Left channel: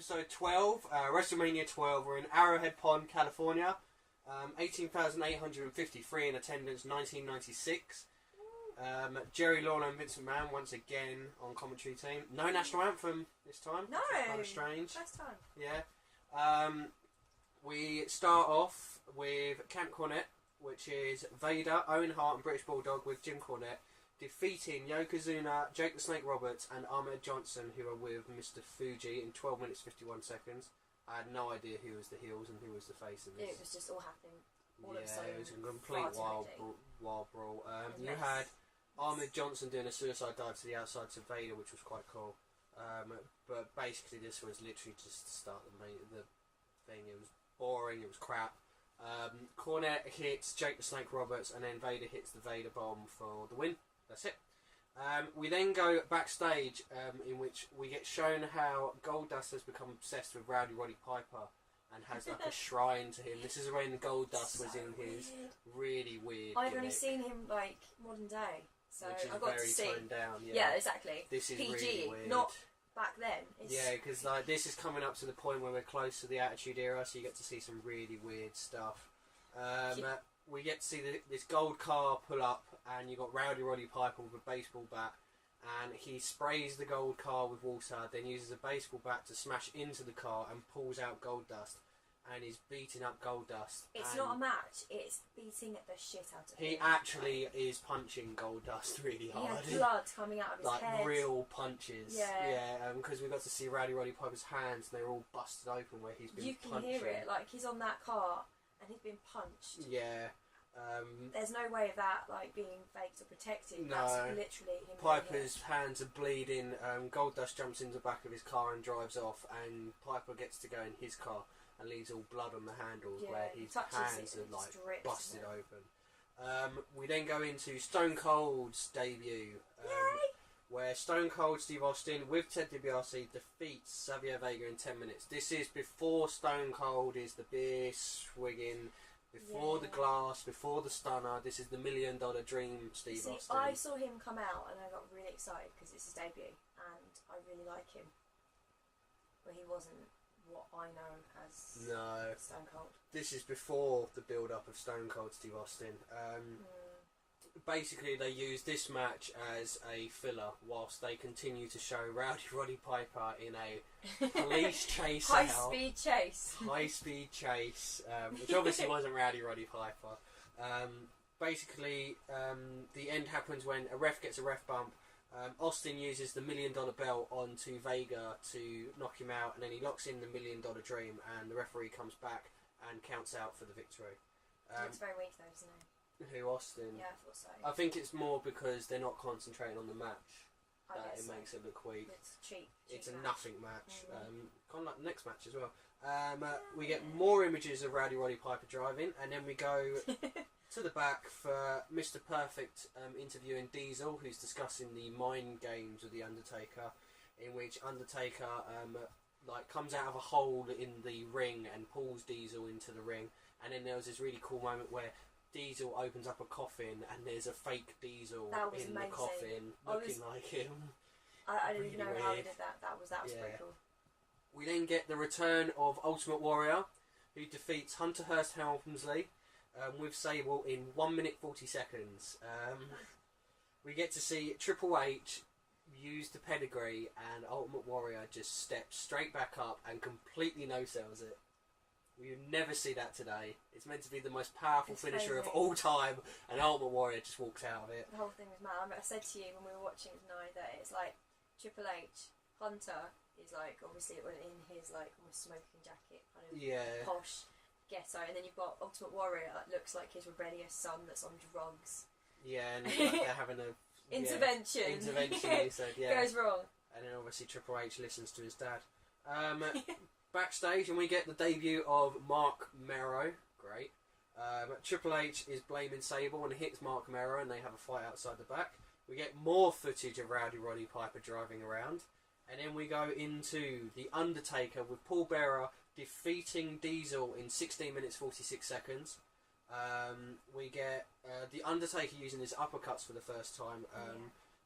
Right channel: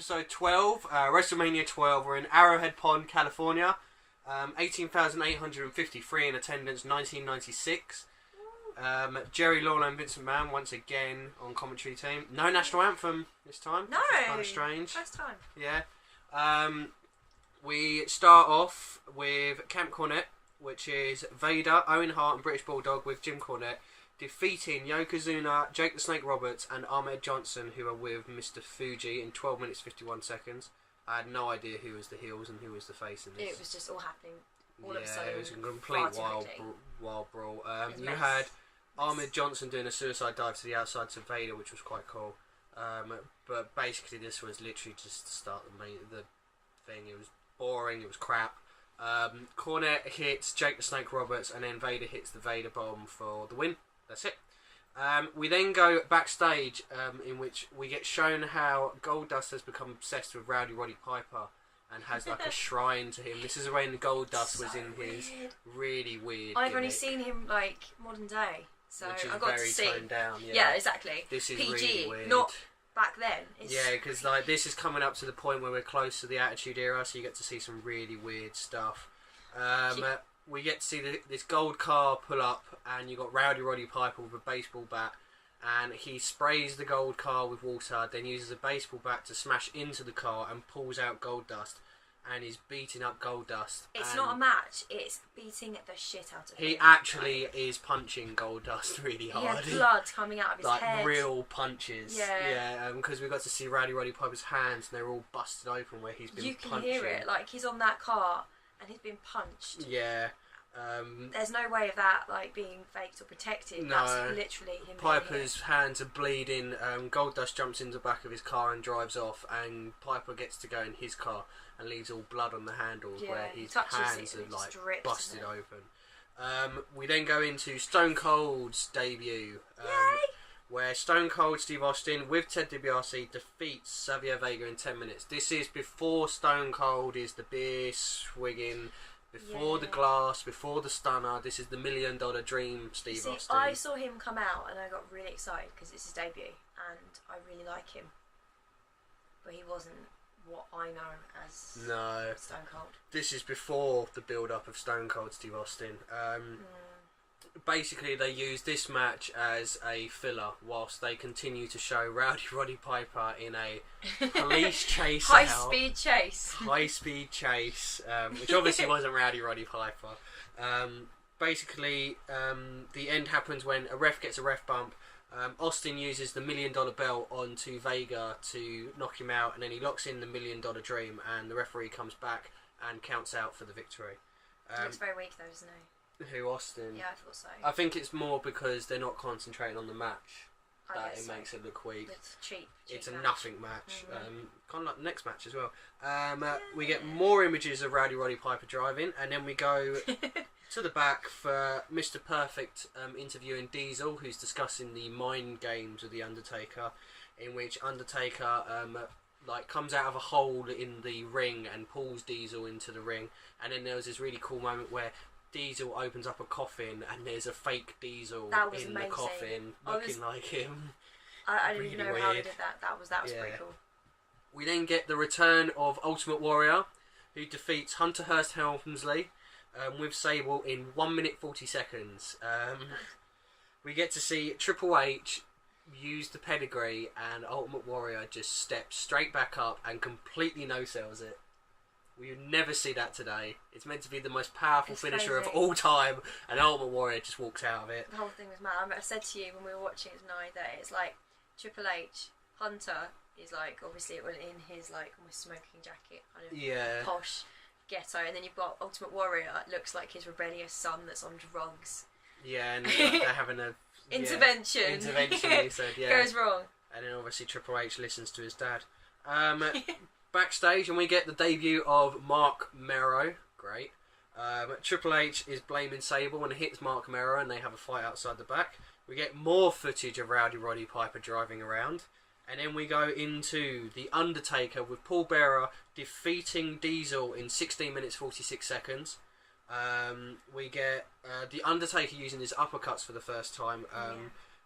episode 12, Wrestlemania XII. We're in Arrowhead Pond, California. 18,853 in attendance, 1996. Jerry Lawler and Vincent Mann once again on commentary team. No national anthem this time. No, kind of strange. First time. Yeah. We start off with Camp Cornette, which is Vader, Owen Hart, and British Bulldog with Jim Cornette defeating Yokozuna, Jake the Snake Roberts, and Ahmed Johnson, who are with Mr. Fuji in 12 minutes 51 seconds. I had no idea who was the heels and who was the face in this. It was just all happening all of a sudden. Yeah, it was a complete wild brawl. You had Ahmed Johnson doing a suicide dive to the outside to Vader, which was quite cool. But basically, this was literally just to start the thing. It was boring. It was crap. Cornette hits Jake the Snake Roberts, and then Vader hits the Vader bomb for the win. That's it. We then go backstage, in which we get shown how Goldust has become obsessed with Rowdy Roddy Piper and has like a shrine to him. This is when Goldust was in his really weird. I've only seen him like modern day, so which is I got very to see. Toned down. Yeah, exactly. This is PG, really weird. not back then. Yeah, because like this is coming up to the point where we're close to the Attitude Era, so you get to see some really weird stuff. We get to see this gold car pull up, and you got Rowdy Roddy Piper with a baseball bat, and he sprays the gold car with water, then uses a baseball bat to smash into the car and pulls out Goldust, and he's beating up Goldust. It's not a match; it's beating the shit out of him. He actually is punching Goldust really hard. He had blood coming out of his head. Like real punches. Yeah. Because we got to see Rowdy Roddy Piper's hands, and they're all busted open where he's been punching. You can hear it, like he's on that car and he's been punched. Yeah. There's no way of that like being faked or protected. No. That's literally him. Piper's hands are bleeding. Goldust jumps in the back of his car and drives off, and Piper gets to go in his car and leaves all blood on the handles where his hands are like drips, busted open. We then go into Stone Cold's debut, where Stone Cold Steve Austin with Ted DiBiase defeats Xavier Vega in 10 minutes. This is before Stone Cold is the beer swigging. Before the glass, before the stunner, this is the $1 Million Dream, Steve Austin. I saw him come out and I got really excited because it's his debut and I really like him. But he wasn't what I know as Stone Cold. This is before the build-up of Stone Cold Steve Austin. Basically, they use this match as a filler whilst they continue to show Rowdy Roddy Piper in a police chase. High-speed chase. High-speed chase, which obviously wasn't Rowdy Roddy Piper. Basically, the end happens when a ref gets a ref bump. Austin uses the $1 Million Belt onto Vega to knock him out, and then he locks in the $1 Million Dream, and the referee comes back and counts out for the victory. He looks very weak though, doesn't he? Who, Austin? Yeah, I thought so. I think it's more because they're not concentrating on the match that it makes it look weak. It's cheap. It's a nothing match. Kind of like the next match as well. We get more images of Rowdy Roddy Piper driving, and then we go to the back for Mr. Perfect interviewing Diesel, who's discussing the mind games with the Undertaker, in which Undertaker comes out of a hole in the ring and pulls Diesel into the ring, and then there was this really cool moment where Diesel opens up a coffin and there's a fake Diesel in the coffin looking like him. I didn't even know how they did that. That was pretty cool. We then get the return of Ultimate Warrior, who defeats Hunter Hearst Helmsley with Sable in 1 minute 40 seconds. We get to see Triple H use the pedigree, and Ultimate Warrior just steps straight back up and completely no-sells it. We never see that today. It's meant to be the most powerful finisher of all time, and Ultimate Warrior just walks out of it. The whole thing was mad. I said to you when we were watching it tonight that it's like Triple H, Hunter is like obviously in his like almost smoking jacket, kind of posh ghetto, and then you've got Ultimate Warrior. It looks like his rebellious son that's on drugs. Yeah, and they're having a intervention. He said, goes wrong. And then obviously Triple H listens to his dad. Backstage, and we get the debut of Mark Mero. Great. Triple H is blaming Sable and hits Mark Mero, and they have a fight outside the back. We get more footage of Rowdy Roddy Piper driving around, and then we go into The Undertaker with Paul Bearer defeating Diesel in 16 minutes 46 seconds. We get The Undertaker using his uppercuts for the first time.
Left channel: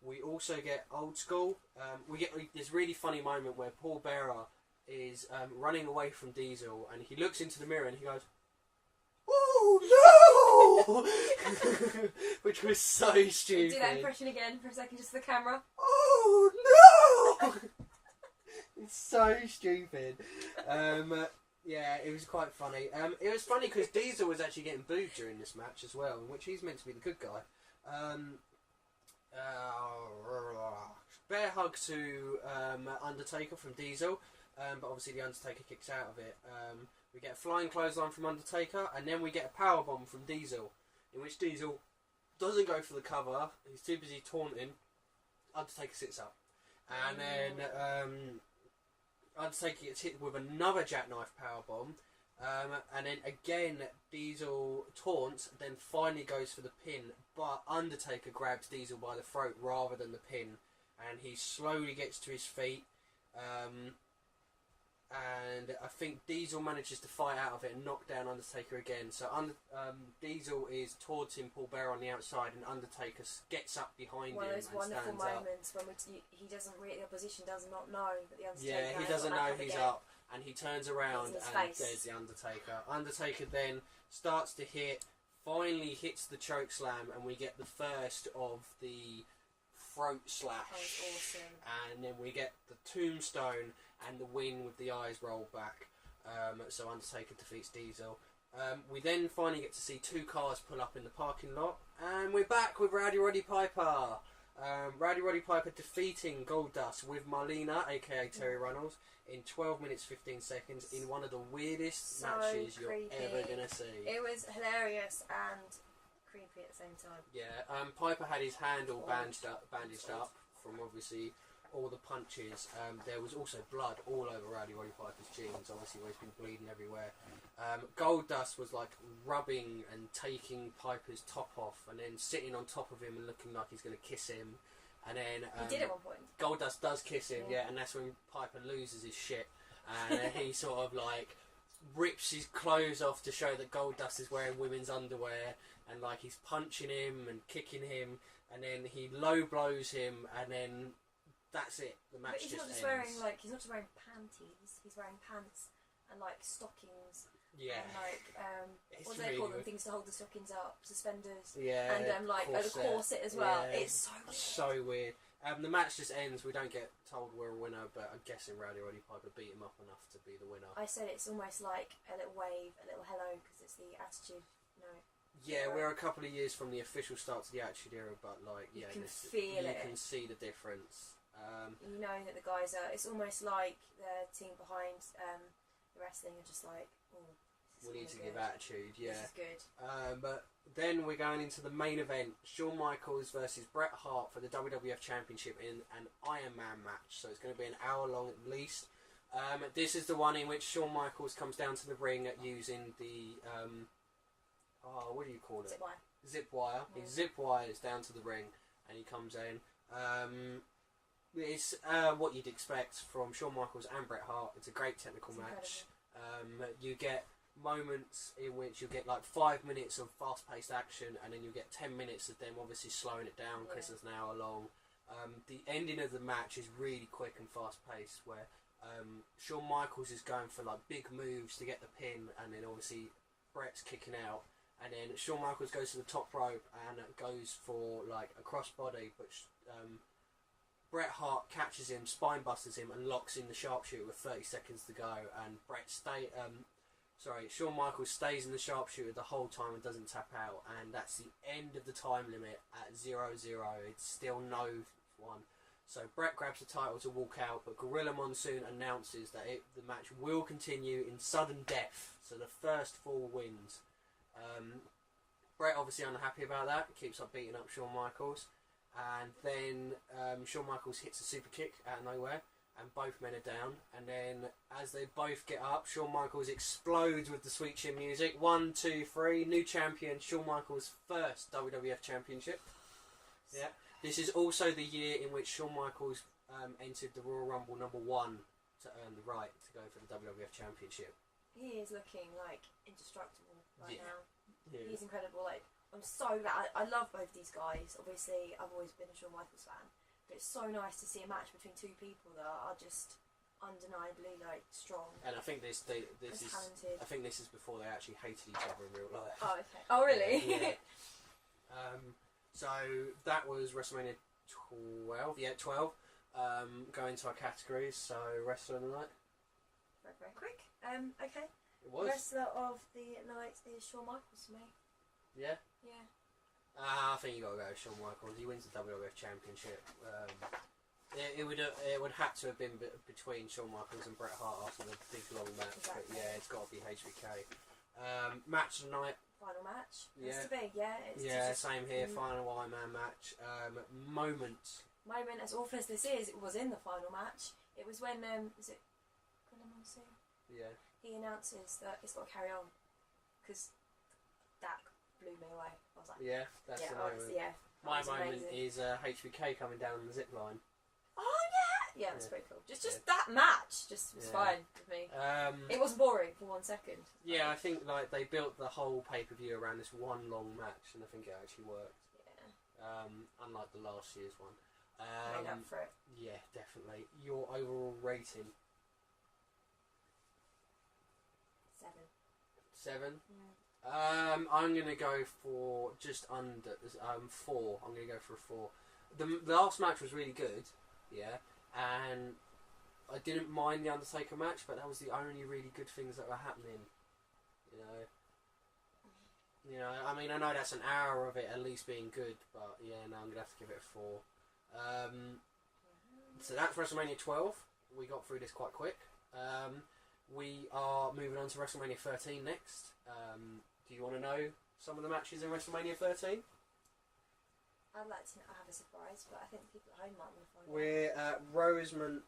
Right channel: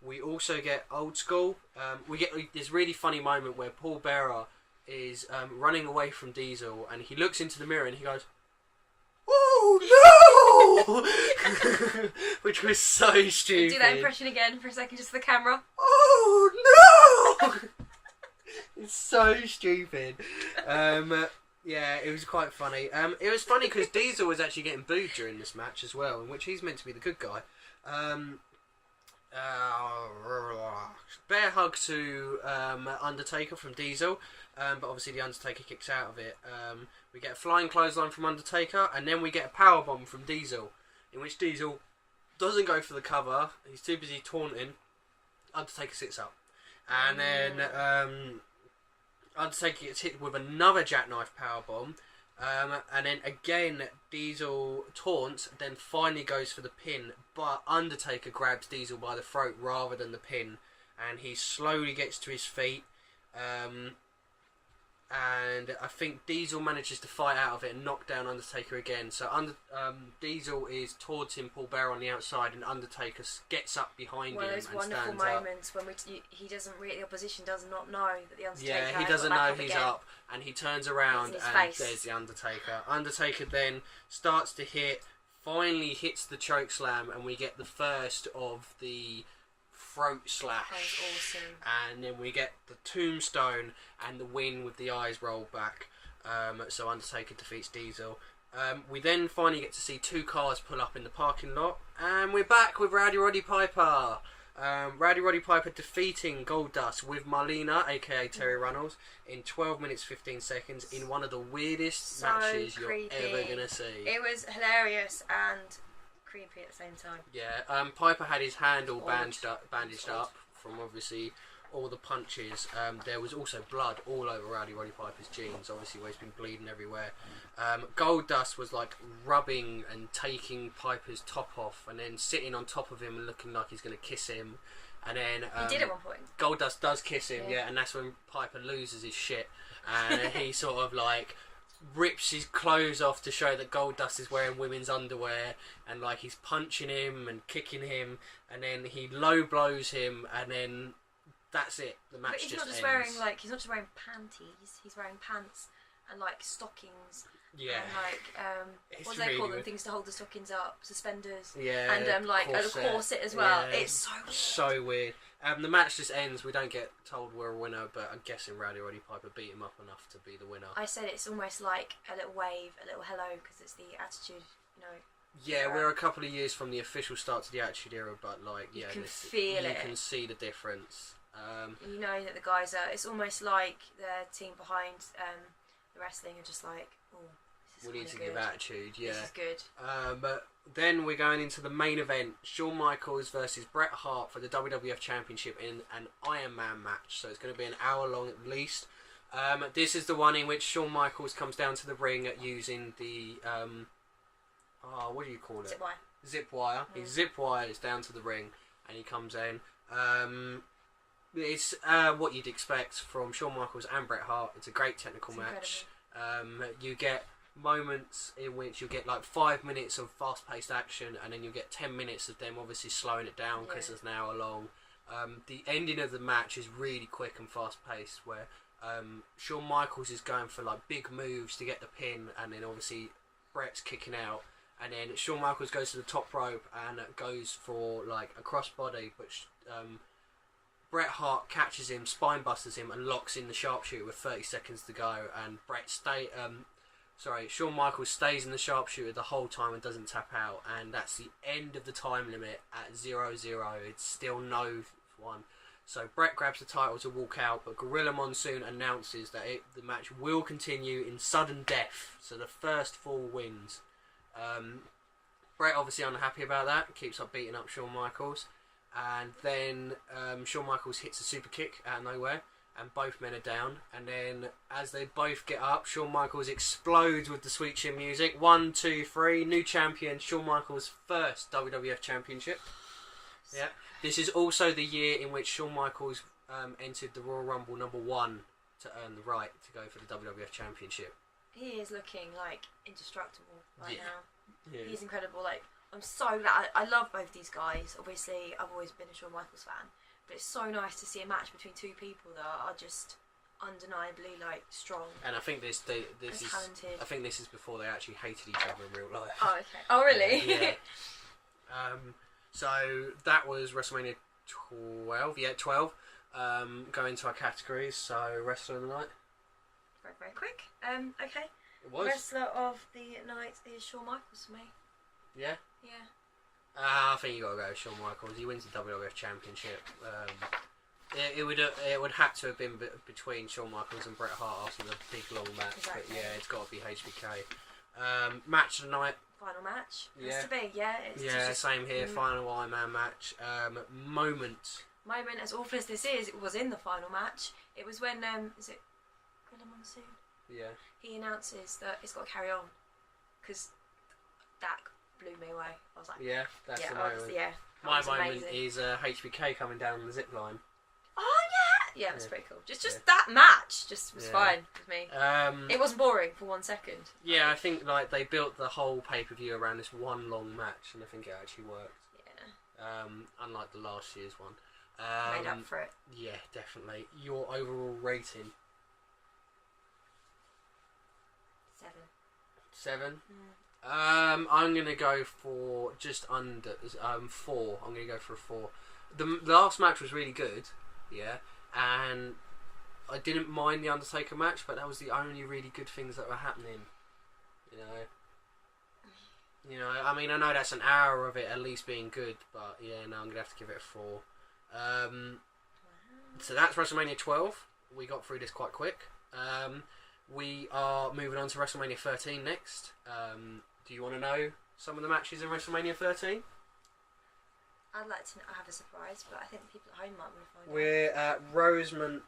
We also get Old School. We get this really funny moment where Paul Bearer is running away from Diesel, and he looks into the mirror and he goes, "Oh no!" Which was so stupid. Do that impression again for a second, just for the camera. Oh no! It's so stupid. Yeah, it was quite funny. It was funny because Diesel was actually getting booed during this match as well, in which he's meant to be the good guy. Bear hug to Undertaker from Diesel, but obviously the Undertaker kicks out of it. We get a flying clothesline from Undertaker, and then we get a powerbomb from Diesel, in which Diesel doesn't go for the cover. He's too busy taunting. Undertaker sits up, and then Undertaker gets hit with another jackknife powerbomb, and then again Diesel taunts, then finally goes for the pin, but Undertaker grabs Diesel by the throat rather than the pin, and he slowly gets to his feet, and I think Diesel manages to fight out of it and knock down Undertaker again. So Diesel is towards him, Paul Bearer on the outside, and Undertaker gets up behind him and stands up. One of those wonderful moments when he doesn't really, the opposition does not know that the Undertaker. Yeah, he doesn't know he's up, and he turns around and there's the Undertaker. Undertaker then starts to hit, finally hits the choke slam, and we get the first of the throat slash. That was awesome. And then we get the tombstone and the win with the eyes rolled back. So Undertaker defeats Diesel. We then finally get to see two cars pull up in the parking lot, and we're back with Rowdy Roddy Piper. Rowdy Roddy Piper defeating Goldust with Marlena, aka Terry Runnels, in 12 minutes 15 seconds in one of the weirdest matches creepy. You're ever gonna see. It was hilarious and creepy at the same time. Yeah, Piper had his hand all bandaged up from obviously all the punches. There was also blood all over Rowdy Roddy Piper's jeans, obviously where he's been bleeding everywhere. Goldust was like rubbing and taking Piper's top off and then sitting on top of him and looking like he's going to kiss him. And then he did at one point. Goldust does kiss him, yeah, and that's when Piper loses his shit. And he sort of like rips his clothes off to show that Goldust is wearing women's underwear, and like he's punching him and kicking him, and then he low blows him, and then that's it. The match he's just not just ends. he's not just wearing panties. He's wearing pants and like stockings. Yeah. And like what do they call them? Things to hold the stockings up, suspenders. Yeah. And like a corset as well. Yeah. It's so weird. So weird. The match just ends. We don't get told we're a winner, but I'm guessing Rowdy Roddy Piper beat him up enough to be the winner. I said it's almost like a little wave, a little hello, because it's the Attitude, Yeah, we're a couple of years from the official start to the Attitude Era, but like, yeah, you can feel it. You can see the difference. You know that the guys are. It's almost like the team behind the wrestling are just like, oh, this is we need to good. give attitude. Yeah, this is good. But then we're going into the main event: Shawn Michaels versus Bret Hart for the WWF Championship in an Iron Man match. So it's going to be an hour long at least. This is the one in which Shawn Michaels comes down to the ring using the what do you call it? Zip wire. Zip wire. He zip wires down to the ring, and he comes in. It's what you'd expect from Shawn Michaels and Bret Hart. It's a great technical match. You get moments in which you get like 5 minutes of fast-paced action, and then you get 10 minutes of them obviously slowing it down because it's an hour long. The ending of the match is really quick and fast-paced, where Shawn Michaels is going for like big moves to get the pin, and then obviously Bret's kicking out, and then Shawn Michaels goes to the top rope and goes for like a crossbody, but Bret Hart catches him, spine busters him, and locks in the sharpshooter with 30 seconds to go. And Shawn Michaels stays in the sharpshooter the whole time and doesn't tap out. And that's the end of the time limit at 0-0. It's still no one. So Bret grabs the title to walk out, but Gorilla Monsoon announces that the match will continue in sudden death. So the first 4 wins. Bret obviously unhappy about that, keeps up beating up Shawn Michaels. And then Shawn Michaels hits a super kick out of nowhere, and both men are down. And then as they both get up, Shawn Michaels explodes with the Sweet Chin music. 1, 2, 3, new champion, Shawn Michaels' first WWF Championship. Yeah, this is also the year in which Shawn Michaels entered the Royal Rumble #1 to earn the right to go for the WWF Championship. He is looking like indestructible right now. Yeah. He's incredible. Like, I'm so glad. I love both these guys. Obviously, I've always been a Shawn Michaels fan, but it's so nice to see a match between two people that are just undeniably like strong. And I think this is talented. I think this is before they actually hated each other in real life. Oh, okay. Oh, really? Yeah. So that was WrestleMania 12. Yeah, 12. Going to our categories. So wrestler of the night. Very, very quick. Okay. It was. Wrestler of the night is Shawn Michaels for me. Yeah. Yeah. I think you got to go with Shawn Michaels. He wins the WWF Championship. It would have to have been between Shawn Michaels and Bret Hart after the big long match. Exactly. But yeah, it's got to be HBK. Match of the night. Final match. Yeah. Has to be. Yeah. It's just, same here. Final Iron Man match. Moment. Moment, as awful as this is, it was in the final match. It was when is it Gorilla Monsoon? Yeah. He announces that it's got to carry on because that blew me away. I was like, yeah, that's the moment. My moment is HBK coming down the zip line. Oh yeah, yeah, it was pretty cool. Just that match just was fine with me. It wasn't boring for 1 second. Yeah, I think like they built the whole pay-per-view around this one long match, and I think it actually worked. Yeah. Unlike the last year's one. Made up for it. Yeah, definitely. Your overall rating? 7. I'm gonna go for just under 4. I'm gonna go for a 4. The last match was really good, yeah, and I didn't mind the Undertaker match, but that was the only really good things that were happening. You know. I mean, I know that's an hour of it at least being good, but yeah, no, I'm gonna have to give it a 4. So that's WrestleMania 12. We got through this quite quick. We are moving on to WrestleMania 13 next. Do you want to know some of the matches in WrestleMania 13? I'd like to have a surprise, but I think the people at home might want to find out. We're at Rosemont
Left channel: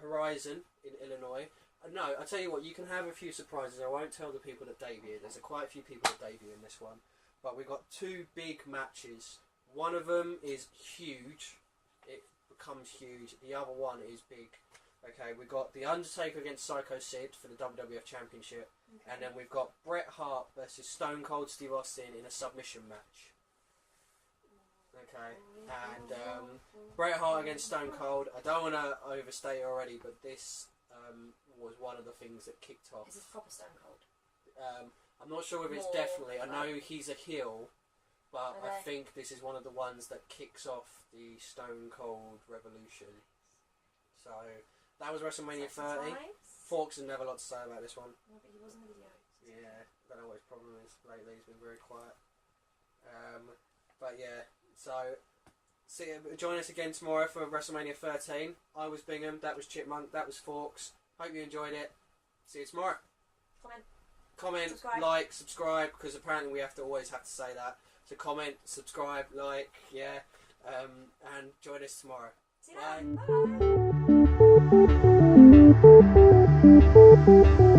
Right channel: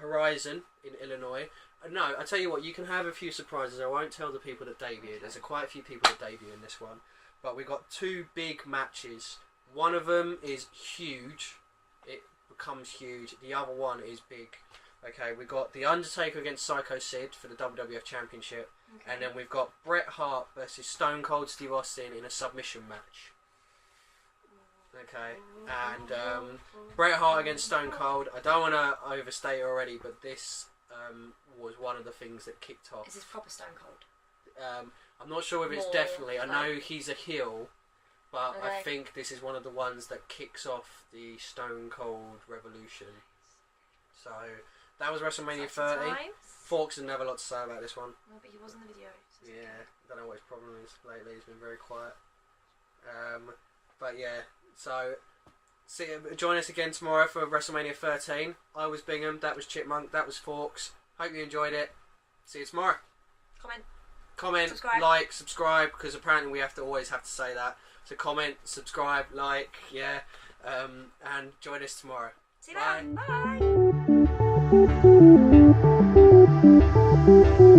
Horizon in Illinois. No, I tell you what, you can have a few surprises. I won't tell the people that debut. Okay. There's quite a few people that debut in this one. But we've got 2 big matches. One of them is huge. It becomes huge. The other one is big. Okay, we've got The Undertaker against Psycho Sid for the WWF Championship. Okay. And then we've got Bret Hart versus Stone Cold Steve Austin in a submission match. Okay, and Bret Hart against Stone Cold. I don't want to overstate it already, but this was one of the things that kicked off. Is this proper Stone Cold? I'm not sure if it's definitely. I know he's a heel, but I think this is one of the ones that kicks off the Stone Cold revolution. So that was WrestleMania 30. Forks didn't have a lot to say about this one. No, but he was in the video. So yeah, don't know what his problem is lately. He's been very quiet. But yeah, so join us again tomorrow for WrestleMania 13. I was Bingham, that was Chipmunk, that was Forks. Hope you enjoyed it. See you tomorrow. Comment, subscribe. like, subscribe, because apparently we always have to say that. So comment, subscribe, like, yeah, and join us tomorrow. See you later. Bye.